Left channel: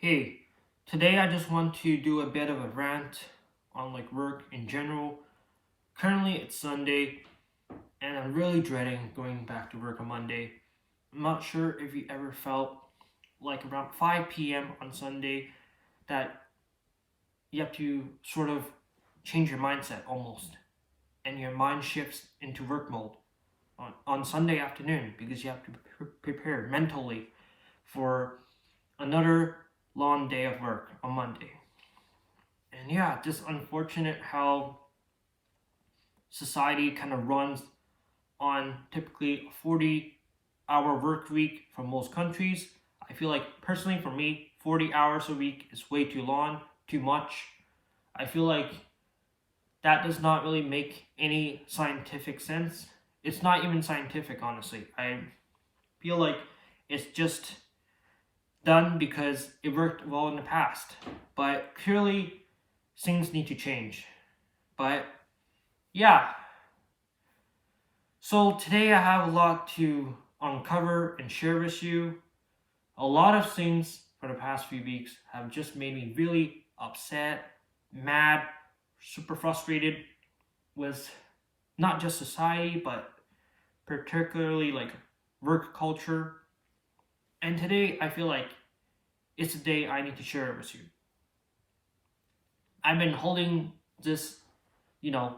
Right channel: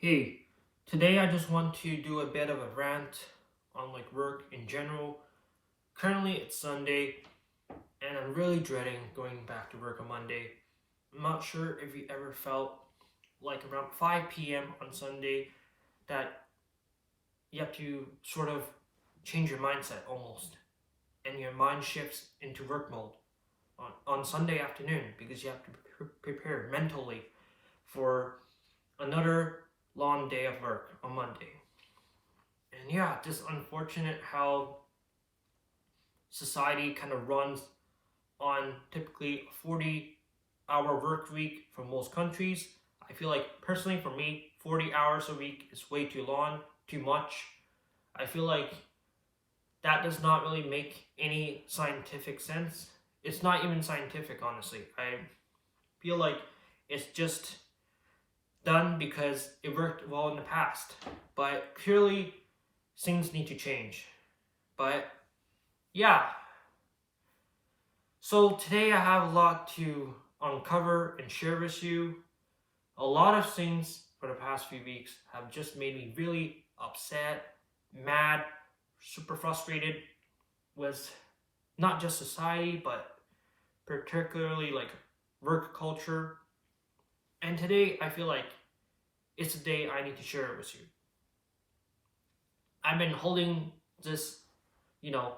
Hey, today I just want to do a bit of a rant on work in general. Currently it's Sunday and I'm really dreading going back to work on Monday. I'm not sure if you ever felt like around 5 p.m. on Sunday that you have to sort of change your mindset almost and your mind shifts into work mode on Sunday afternoon because you have to prepare mentally for another long day of work on Monday. And yeah, just unfortunate how society kind of runs on typically a 40-hour work week for most countries. I feel like personally for me, 40 hours a week is way too long, too much. I feel like that does not really make any scientific sense. It's not even scientific, honestly. I feel like it's just done because it worked well in the past. But clearly, things need to change. But yeah, so today I have a lot to uncover and share with you. A lot of things for the past few weeks have just made me really upset, mad, super frustrated with not just society, but particularly work culture. And today I feel like it's a day I need to share it with you. I've been holding this, you know,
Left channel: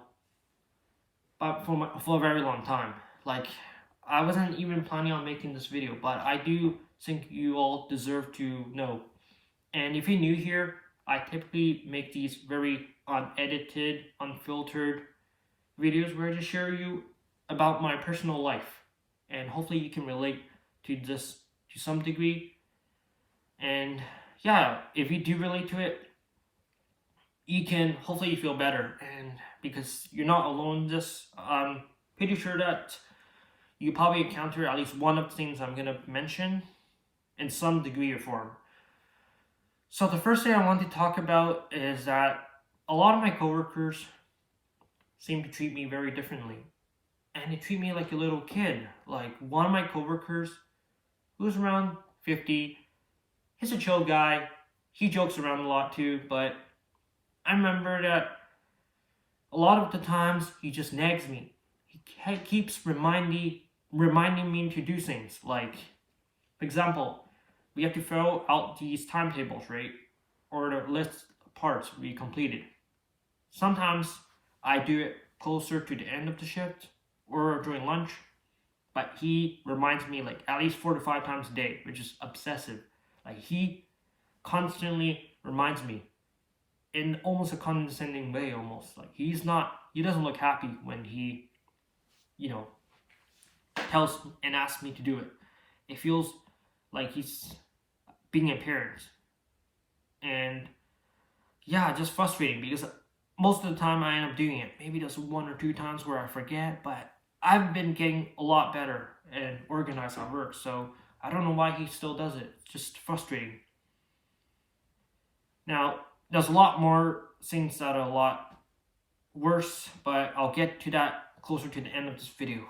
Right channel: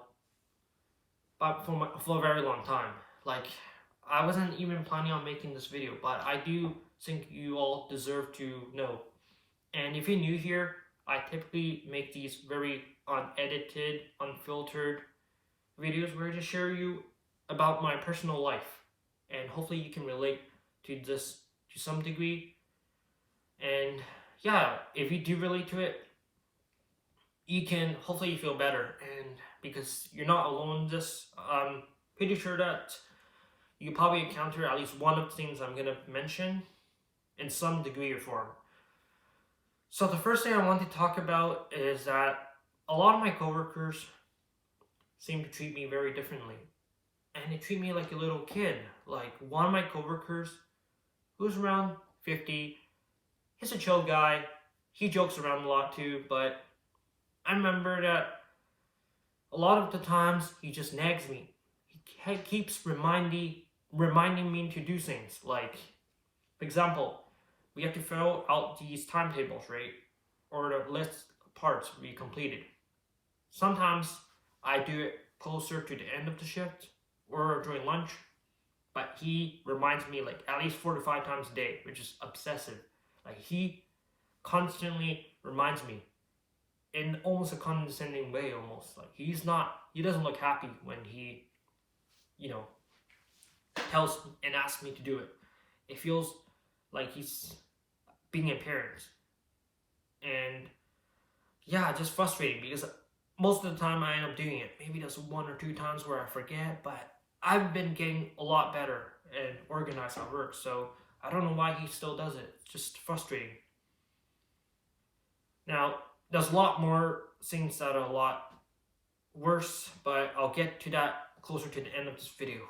for a very long time. Like, I wasn't even planning on making this video, but I do think you all deserve to know. And if you're new here, I typically make these very unedited, unfiltered videos where I just share you about my personal life. And hopefully you can relate to this to some degree. And yeah, if you do relate to it, you can hopefully feel better. And because you're not alone in this, I'm pretty sure that you probably encounter at least one of the things I'm going to mention in some degree or form. So the first thing I want to talk about is that a lot of my coworkers seem to treat me very differently. And they treat me like a little kid. Like one of my coworkers, who's around 50, he's a chill guy. He jokes around a lot too, but I remember that a lot of the times he just nags me. He keeps reminding me to do things. Like, for example, we have to fill out these timetables, right? Or the list of parts we completed. Sometimes I do it closer to the end of the shift or during lunch, but he reminds me like at least 4 to 5 times a day, which is obsessive. Like he constantly reminds me in almost a condescending way, almost like he doesn't look happy when he, you know, tells and asks me to do it. It feels like he's being a parent, and yeah, just frustrating because most of the time I end up doing it. Maybe there's 1 or 2 times where I forget, but I've been getting a lot better and organized at work. So I don't know why he still does it. It's just frustrating. Now, there's a lot more things that are a lot worse, but I'll get to that closer to the end of this video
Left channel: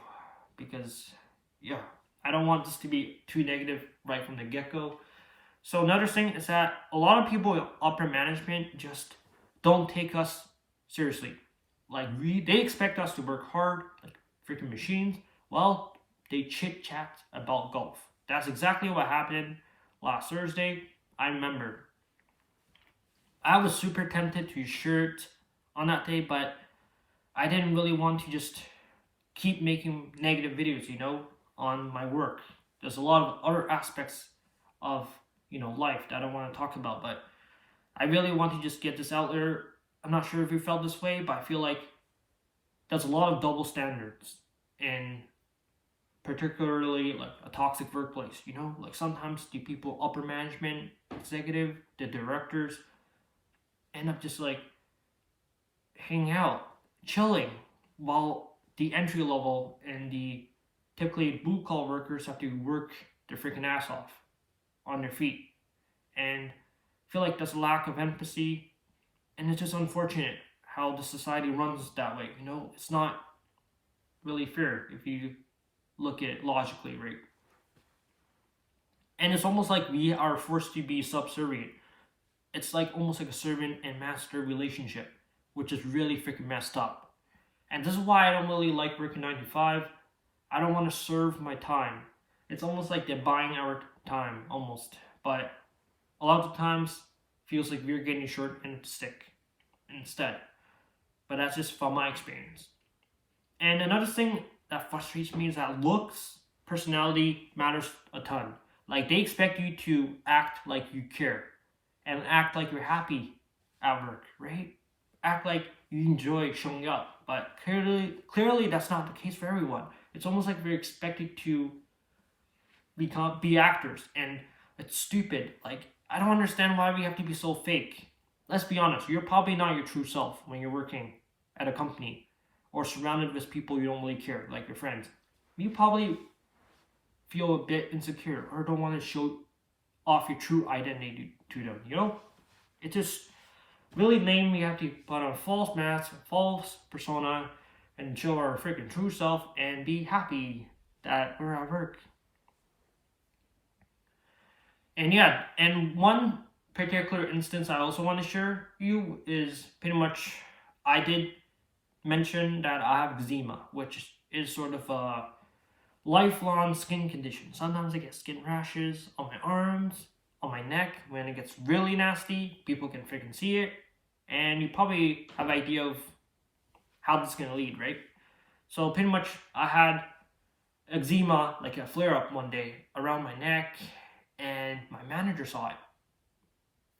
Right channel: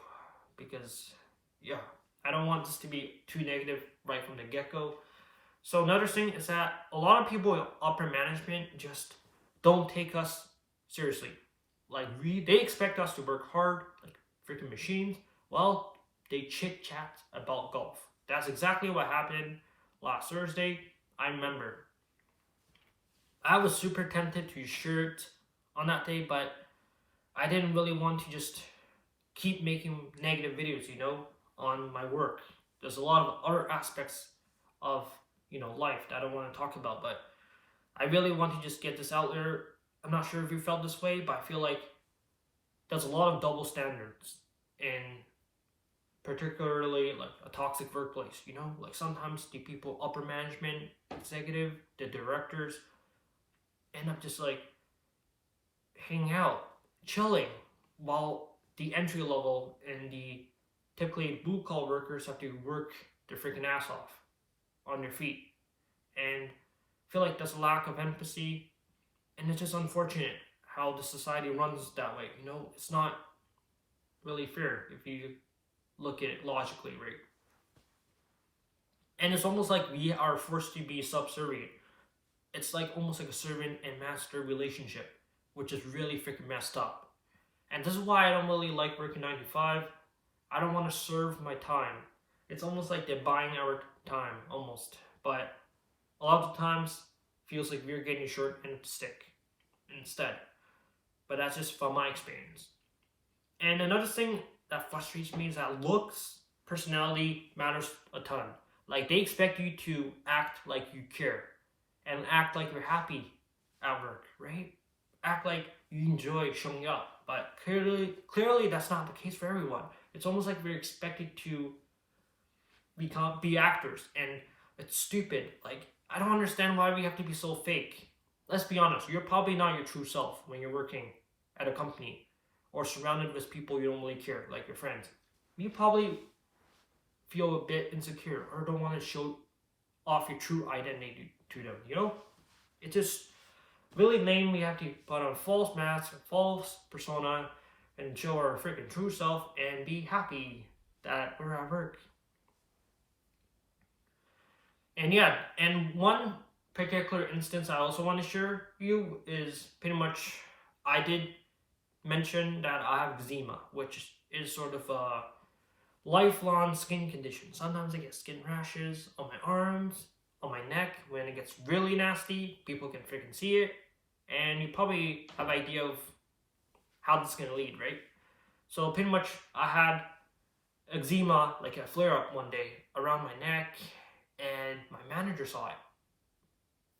because, yeah, I don't want this to be too negative right from the get-go. So another thing is that a lot of people in upper management just don't take us seriously. Like they expect us to work hard, like freaking machines. Well, they chit chat about golf. That's exactly what happened last Thursday. I remember. I was super tempted to shirt on that day, but I didn't really want to just keep making negative videos, on my work. There's a lot of other aspects of, life that I want to talk about, but I really want to just get this out there. I'm not sure if you felt this way, but I feel like there's a lot of double standards in particularly like a toxic workplace, like sometimes the people upper management, executive, the directors end up just like hanging out, chilling, while the entry level and the typically blue collar workers have to work their freaking ass off on their feet. And I feel like there's a lack of empathy, and it's just unfortunate how the society runs that way. It's not really fair if you look at it logically, right? And it's almost like we are forced to be subservient. It's like almost like a servant and master relationship, which is really freaking messed up. And this is why I don't really like working 9 to 5. I don't want to serve my time. It's almost like they're buying our time, almost. But a lot of the times, feels like we're getting a short end of the stick instead. But that's just from my experience. And another thing that frustrates me is that looks, personality matters a ton. Like they expect you to act like you care and act like you're happy at work, right? Act like you enjoy showing up. But clearly that's not the case for everyone. It's almost like we're expected to be actors, and it's stupid. Like I don't understand why we have to be so fake. Let's be honest, you're probably not your true self when you're working at a company or surrounded with people you don't really care, like your friends. You probably feel a bit insecure or don't want to show off your true identity to them, you know? It's just really lame. We have to put on false masks, false persona, and show our freaking true self and be happy that we're at work. And yeah, and one particular instance I also want to share you is pretty much I did mention that I have eczema, which is sort of a lifelong skin condition. Sometimes I get skin rashes on my arms, on my neck. When it gets really nasty, people can freaking see it. And you probably have an idea of how this is going to lead, right? So pretty much I had eczema, like a flare up one day around my neck, and my manager saw it.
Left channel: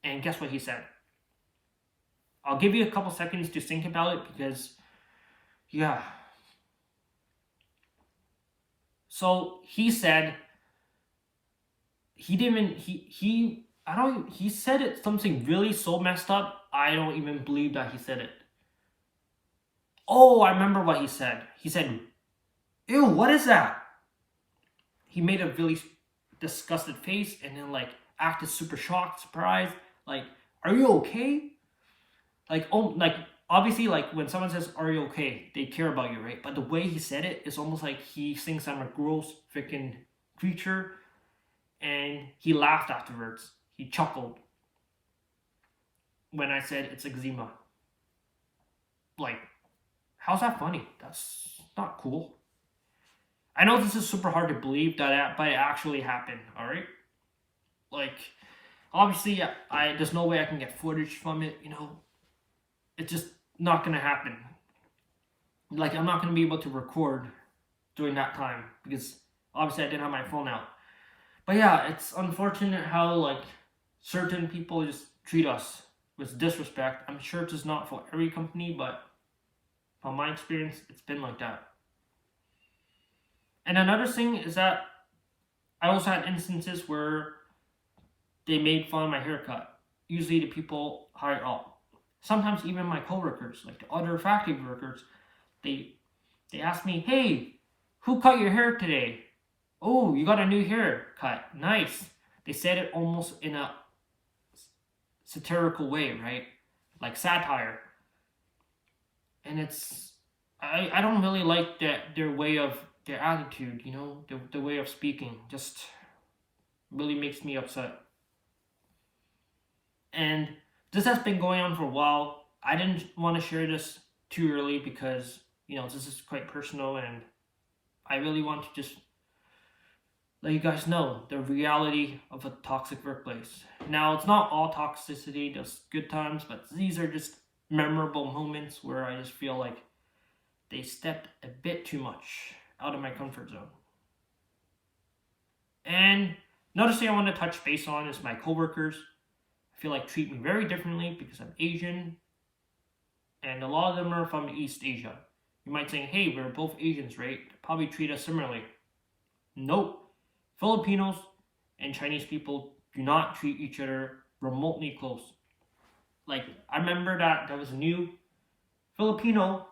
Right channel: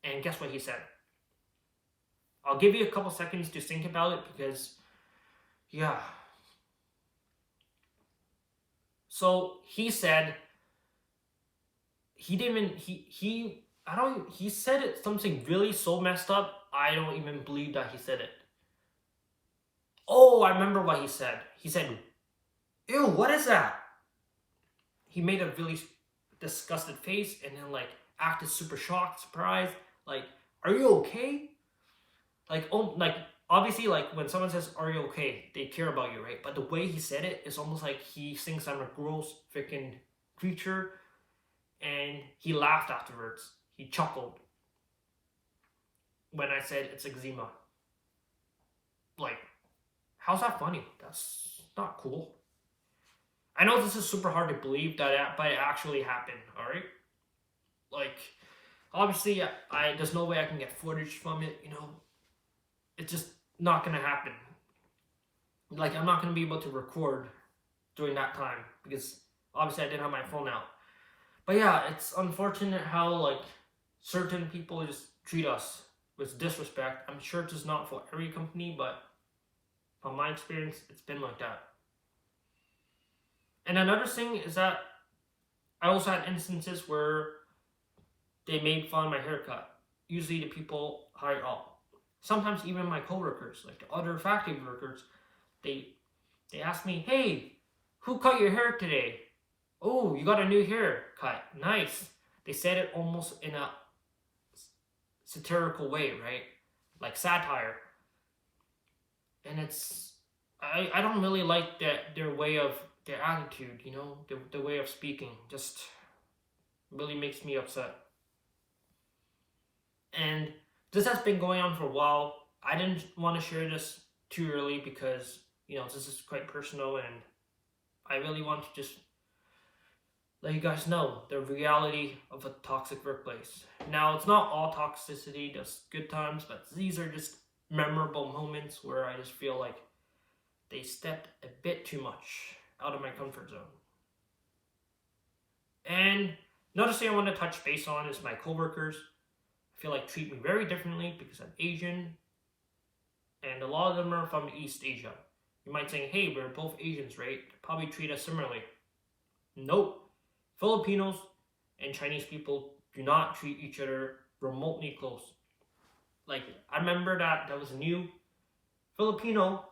And guess what he said? I'll give you a couple seconds to think about it because, yeah. So he said he didn't even he said it something really so messed up. I don't even believe that he said it. Oh, I remember what he said. He said, "Ew, what is that?" He made a really disgusted face and then like acted super shocked, surprised. Like, "Are you okay?" Like, oh, like obviously, like when someone says, "Are you okay?" they care about you, right? But the way he said it is almost like he thinks I'm a gross freaking creature, and he laughed afterwards. He chuckled when I said it's eczema. Like, how's that funny? That's not cool. I know this is super hard to believe that, but it actually happened. All right, like obviously, there's no way I can get footage from it. You know, it's just not gonna happen. Like I'm not gonna be able to record during that time because obviously I didn't have my phone out. But yeah, it's unfortunate how like certain people just treat us with disrespect. I'm sure it's not for every company, but from my experience, it's been like that. And another thing is that I also had instances where they made fun of my haircut. Usually the people higher up. Sometimes even my coworkers, like the other factory workers, they ask me, "Hey, who cut your hair today? Oh, you got a new haircut. Nice." They said it almost in a satirical way, right? Like satire. And I don't really like their way of their attitude, you know, the way of speaking. Just really makes me upset. And this has been going on for a while. I didn't want to share this too early because, you know, this is quite personal and I really want to just let you guys know the reality of a toxic workplace. Now, it's not all toxicity, there's good times, but these are just memorable moments where I just feel like they stepped a bit too much out of my comfort zone. And another thing I want to touch base on is my coworkers. I feel like treat me very differently because I'm Asian, and a lot of them are from East Asia. You might say, "Hey, we're both Asians, right?" Probably treat us similarly. Nope. Filipinos and Chinese people do not treat each other remotely close. Like, I remember that there was a new Filipino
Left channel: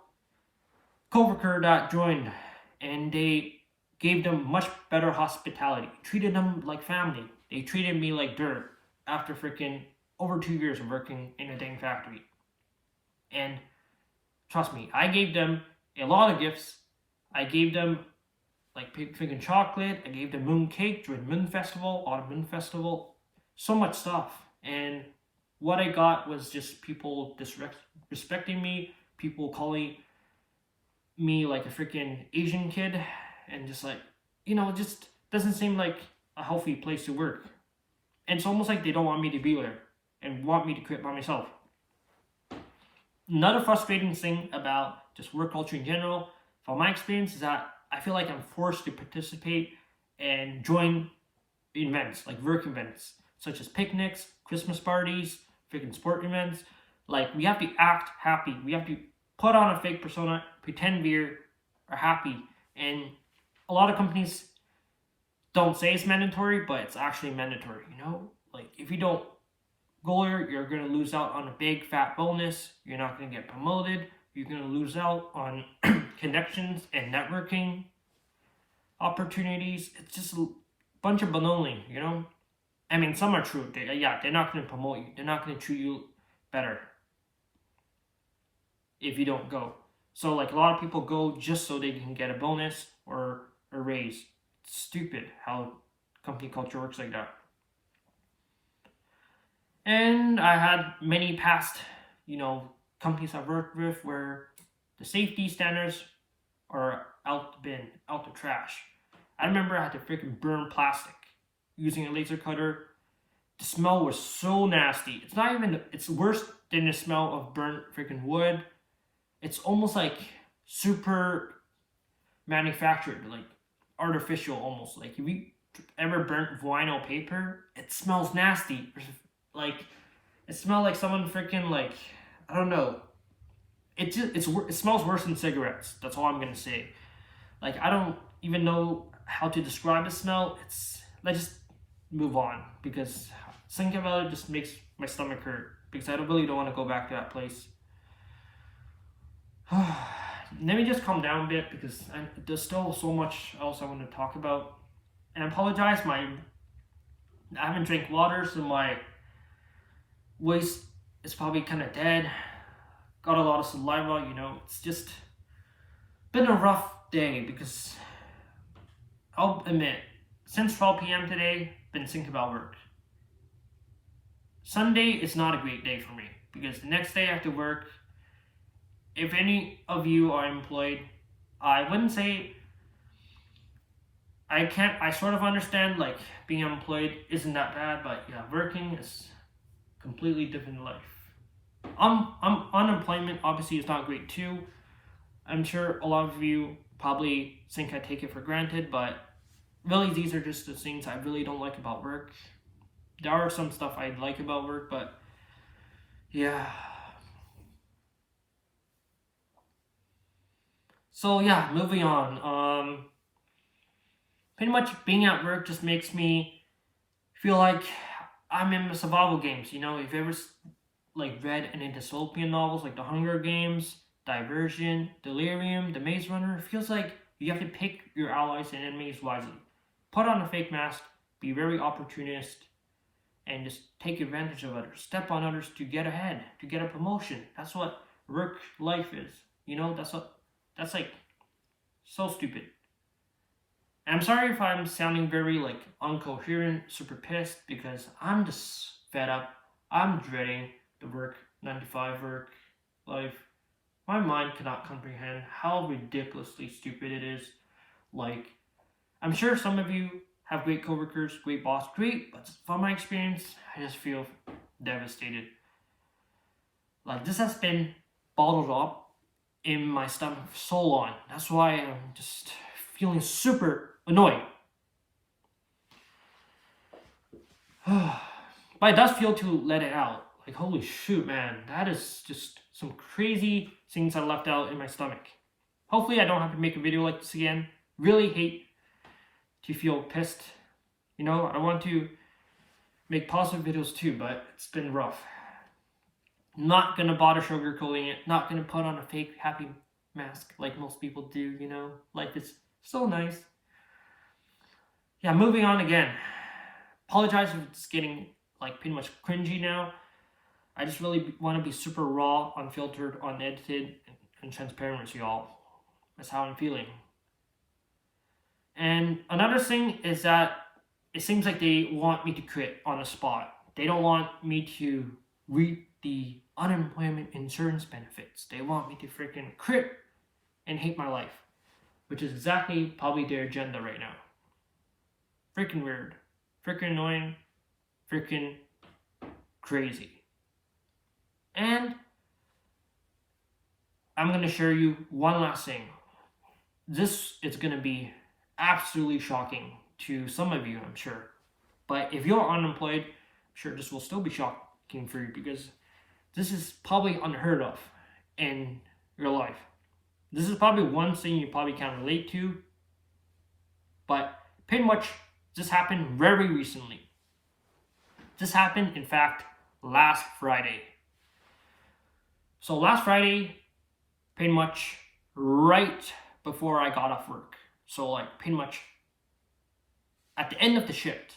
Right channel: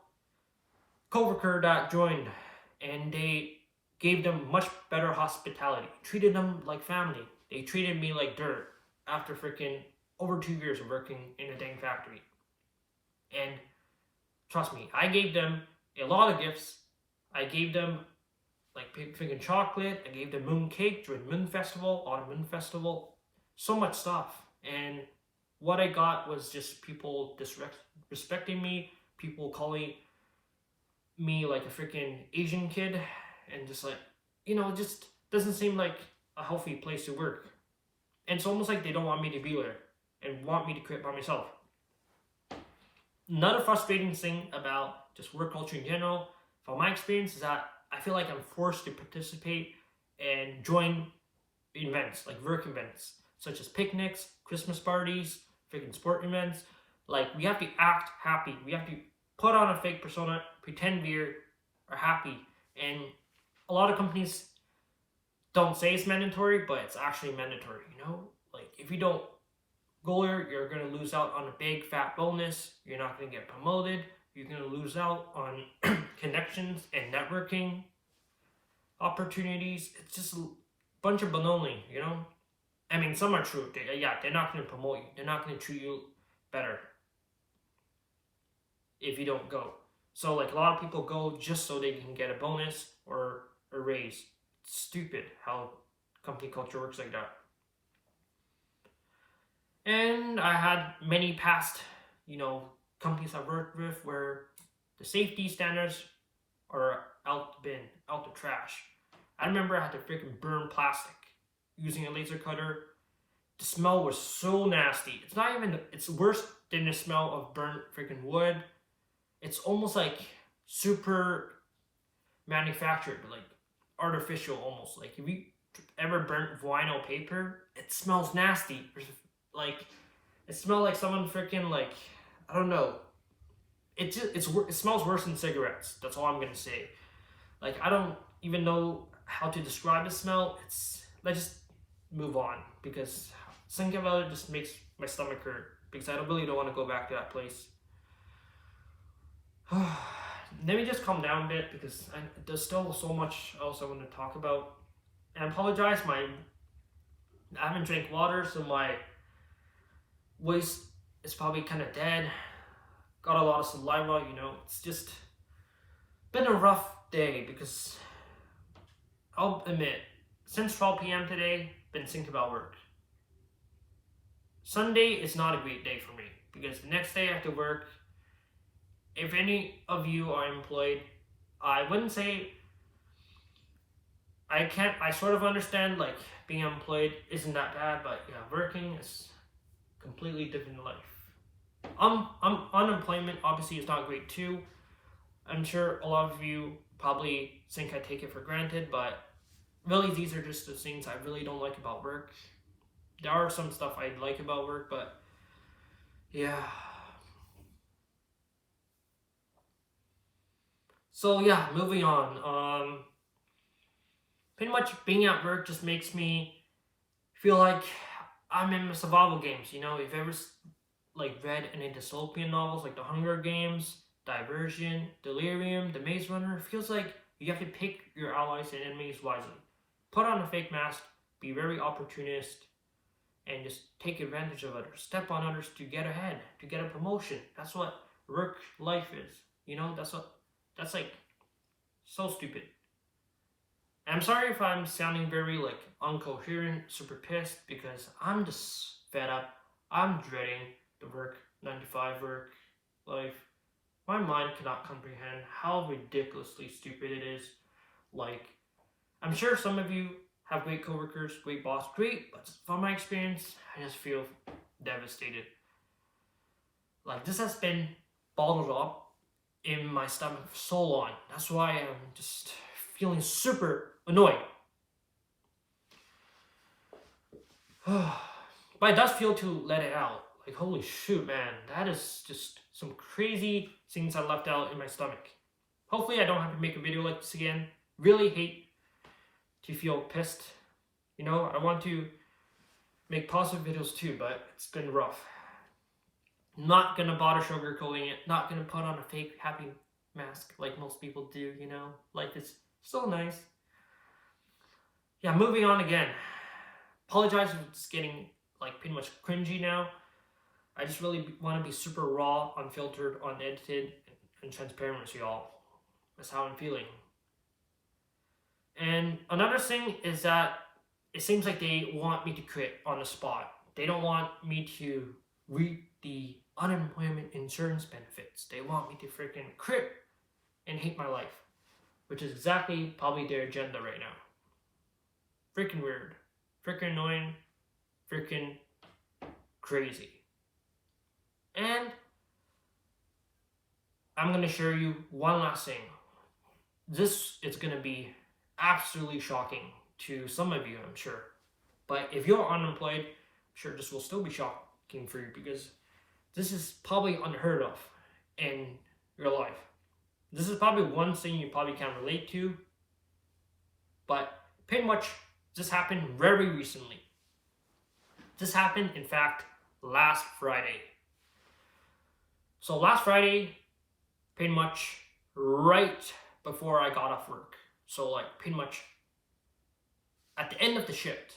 coworker that joined, and they gave them much better hospitality. Treated them like family. They treated me like dirt after freaking over 2 years of working in a dang factory. And trust me, I gave them a lot of gifts. I gave them like freaking chocolate. I gave them moon cake during Moon Festival, Autumn Moon Festival. So much stuff. And what I got was just people disrespecting me, people calling me like a freaking Asian kid, and just like, it just doesn't seem like a healthy place to work. And it's almost like they don't want me to be there and want me to quit by myself. Another frustrating thing about just work culture in general, from my experience, is that I feel like I'm forced to participate and join events, like work events, such as picnics, Christmas parties, freaking sport events. Like, we have to act happy. We have to put on a fake persona, pretend we are happy. And a lot of companies don't say it's mandatory, but it's actually mandatory, Like, if you don't go there, you're going to lose out on a big fat bonus. You're not going to get promoted. You're going to lose out on connections and networking opportunities. It's just a bunch of baloney, I mean, some are true. They're not going to promote you. They're not going to treat you better if you don't go. So, like, a lot of people go just so they can get a bonus or a raise. It's stupid how company culture works like that. And I had many past, companies I've worked with where the safety standards are out the bin, out the trash. I remember I had to freaking burn plastic using a laser cutter. The smell was so nasty. It's worse than the smell of burnt freaking wood. It's almost like super manufactured, like artificial almost. Like, if you ever burnt vinyl paper, it smells nasty. Like, it smells like someone freaking, like, I don't know. It smells worse than cigarettes. That's all I'm gonna say. Like, I don't even know how to describe the smell. Let's just move on, because thinking about it just makes my stomach hurt, because I really don't want to go back to that place. Let me just calm down a bit, because there's still so much else I want to talk about. And I apologize, I haven't drank water, so my voice is probably kind of dead. Got a lot of saliva, It's just been a rough day, because I'll admit, since 12 p.m. today, been thinking about work. Sunday is not a great day for me, because the next day I have to work. If any of you are employed, I wouldn't say I sort of understand, like, being employed isn't that bad, but yeah, working is completely different life. Unemployment obviously is not great too. I'm sure a lot of you probably think I take it for granted, but really, these are just the things I really don't like about work. There are some stuff I like about work, but yeah. So yeah, moving on. Pretty much being at work just makes me feel like I'm in survival games. If you've ever read any dystopian novels like The Hunger Games, Diversion, Delirium, The Maze Runner, it feels like you have to pick your allies and enemies wisely. Put on a fake mask, be very opportunist, and just take advantage of others. Step on others to get ahead, to get a promotion. That's what work life is. That's like so stupid. And I'm sorry if I'm sounding very incoherent, super pissed, because I'm just fed up. I'm dreading the 9-to-5 work life. My mind cannot comprehend how ridiculously stupid it is. I'm sure some of you have great coworkers, great boss, great, but from my experience, I just feel devastated. This has been bottled up in my stomach for so long. That's why I'm just feeling super annoyed. But it does feel to let it out. Holy shoot, man. That is just some crazy things I left out in my stomach. Hopefully I don't have to make a video like this again. Really hate to feel pissed. I want to make positive videos too, but it's been rough. Not gonna bother sugarcoating it. Not gonna put on a fake happy mask like most people do, Life is so nice. Yeah, moving on again. Apologize if it's getting pretty much cringy now. I just really want to be super raw, unfiltered, unedited, and transparent with y'all. That's how I'm feeling. And another thing is that it seems like they want me to quit on the spot. They don't want me to reap the unemployment insurance benefits. They want me to freaking quit and hate my life, which is exactly probably their agenda right now. Freaking weird, freaking annoying, freaking crazy. And I'm gonna share you one last thing. This is gonna be absolutely shocking to some of you, I'm sure. But if you're unemployed, I'm sure this will still be shocking for you because this is probably unheard of in your life. This is probably one thing you probably can't relate to, but pretty much this happened very recently. This happened, in fact, last Friday. So last Friday, pretty much right before I got off work. So like pretty much at the end of the shift,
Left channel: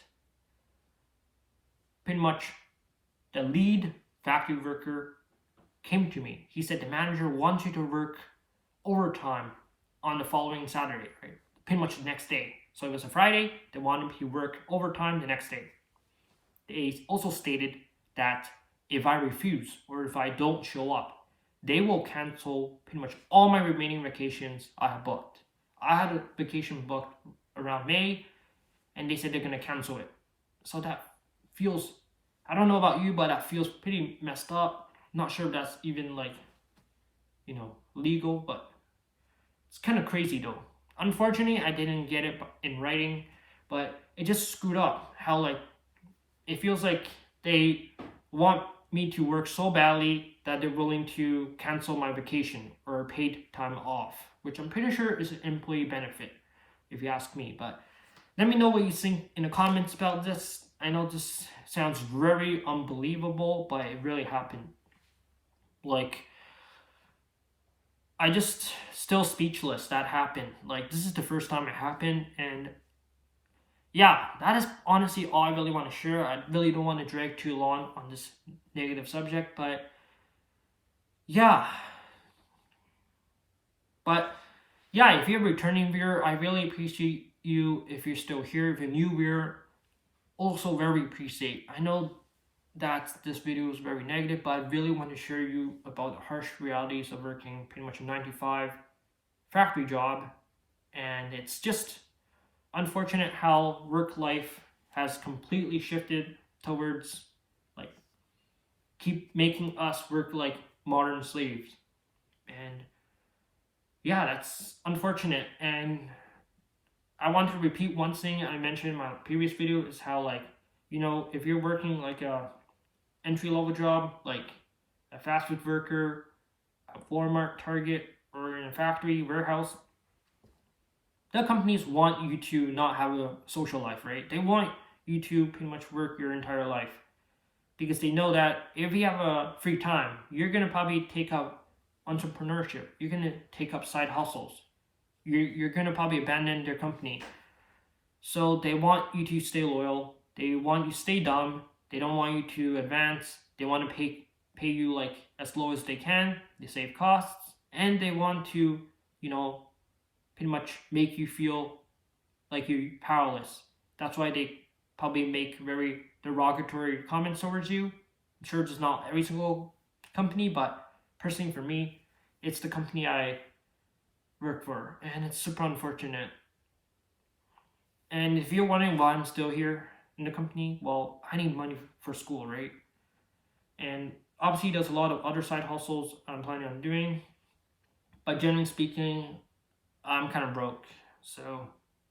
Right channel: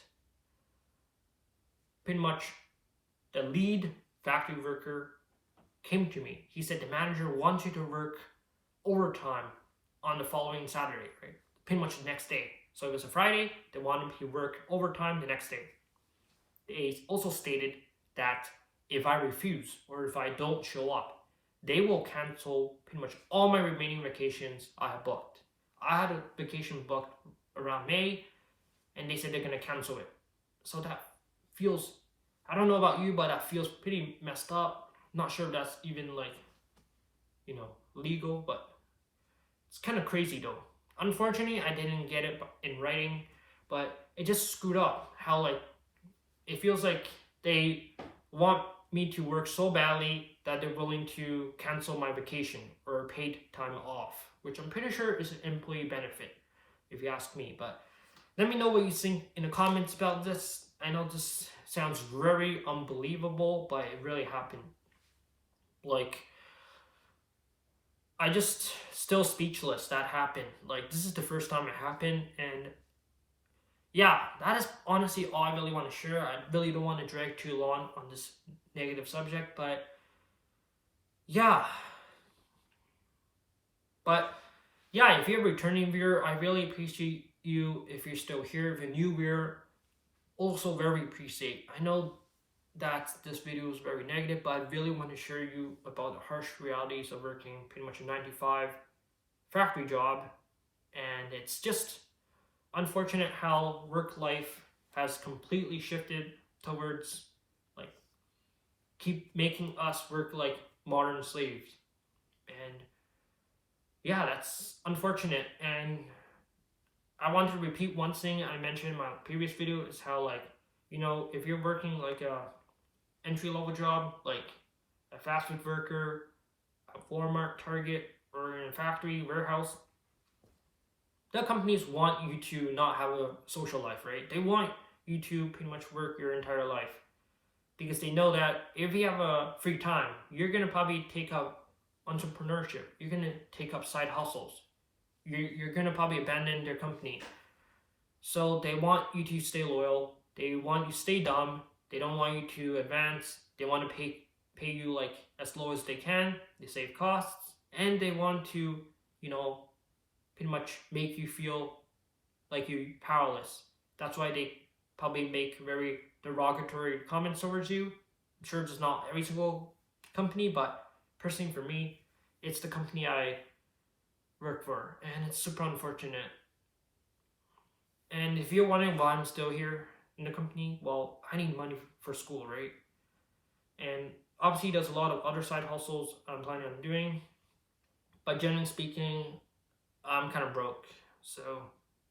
pretty much the lead factory worker came to me. He said the manager wants you to work overtime on the following Saturday, right? Pretty much the next day. So it was a Friday, they wanted me to work overtime the next day. They also stated that if I refuse or if I don't show up, they will cancel pretty much all my remaining vacations I have booked. I had a vacation booked around May, and they said they're going to cancel it. So that feels, I don't know about you, but that feels pretty messed up. Not sure if that's even like, legal, but it's kind of crazy though. Unfortunately, I didn't get it in writing, but it just screwed up how like it feels like they want me to work so badly that they're willing to cancel my vacation or paid time off, which I'm pretty sure is an employee benefit, if you ask me. But let me know what you think in the comments about this. I know this sounds very unbelievable, but it really happened. Like, I just still speechless that happened. Like, this is the first time it happened, and yeah, that is honestly all I really want to share. I really don't want to drag too long on this negative subject, but yeah. But yeah, if you're a returning viewer, I really appreciate you. If you're still here, if you're a new viewer, also very appreciate. I know that this video is very negative, but I really want to share you about the harsh realities of working pretty much a 9 to 5 factory job, and it's just unfortunate how work life has completely shifted towards like keep making us work like modern slaves. And yeah, that's unfortunate. And I want to repeat one thing I mentioned in my previous video is how like, if you're working like a entry-level job, like a fast food worker, a Walmart, Target, or in a factory, warehouse, the companies want you to not have a social life, right? They want you to pretty much work your entire life because they know that if you have a free time, you're going to probably take up entrepreneurship. You're going to take up side hustles. You're going to probably abandon their company. So they want you to stay loyal. They want you to stay dumb. They don't want you to advance. They want to pay you like as low as they can. They save costs, and they want to, pretty much make you feel like you're powerless. That's why they probably make very derogatory comments towards you. I'm sure it's not every single company, but personally for me, it's the company I work for, and it's super unfortunate. And if you're wondering why I'm still here in the company, well, I need money for school, right? And obviously there's a lot of other side hustles I'm planning on doing, but generally speaking, I'm kind of broke. So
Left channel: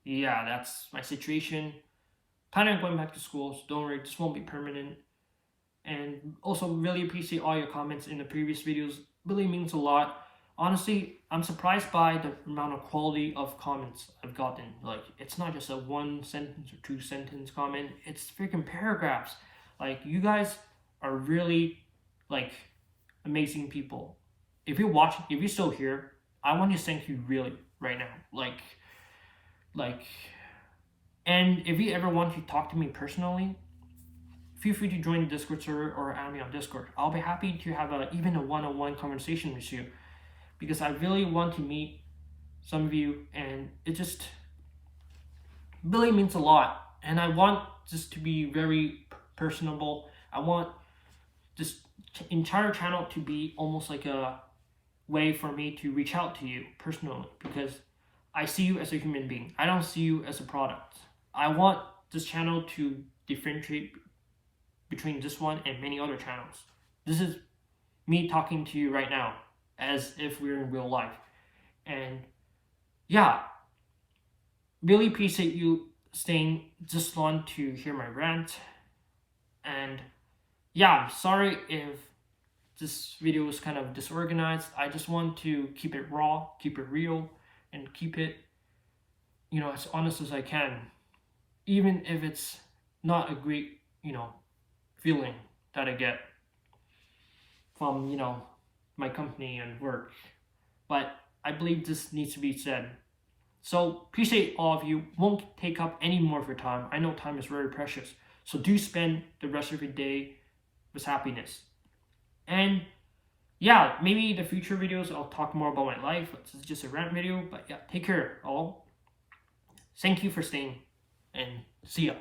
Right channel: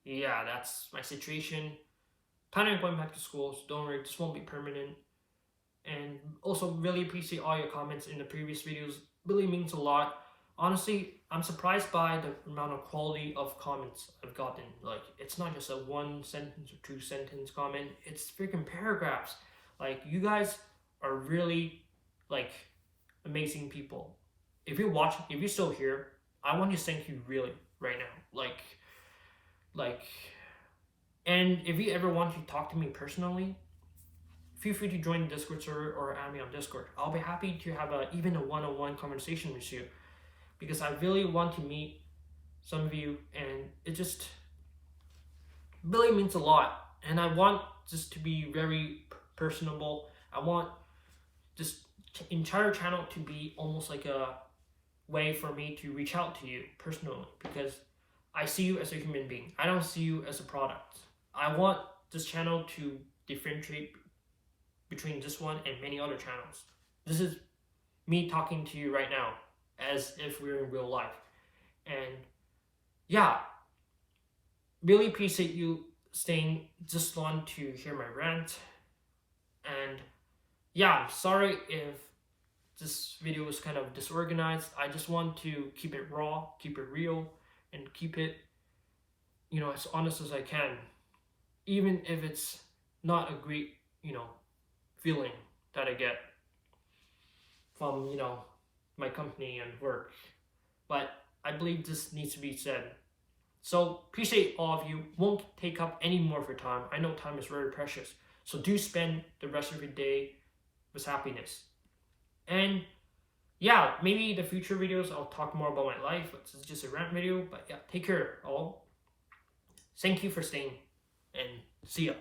yeah, that's my situation. Planning on going back to school, so don't worry, this won't be permanent. And also really appreciate all your comments in the previous videos. Really means a lot. Honestly, I'm surprised by the amount of quality of comments I've gotten. Like, it's not just a 1 sentence or 2 sentence comment, it's freaking paragraphs. Like, you guys are really like amazing people. If you're watching, if you're still here, I want to thank you really right now. Like, and if you ever want to talk to me personally, feel free to join the Discord server or add me on Discord. I'll be happy to have even a one-on-one conversation with you, because I really want to meet some of you, and it just really means a lot. And I want this to be very personable. I want this entire channel to be almost like a way for me to reach out to you personally, because I see you as a human being. I don't see you as a product. I want this channel to differentiate between this one and many other channels. This is me talking to you right now as if we're in real life. And yeah, really appreciate you staying this long to hear my rant. And yeah, I'm sorry if this video was kind of disorganized. I just want to keep it raw, keep it real, and keep it, as honest as I can, even if it's not a great, feeling that I get from, my company and work. But I believe this needs to be said. So appreciate all of you. Won't take up any more of your time. I know time is very precious. So do spend the rest of your day with happiness. And yeah, maybe in the future videos I'll talk more about my life. This is just a rant video. But yeah, take care all. Thank you for staying and see ya.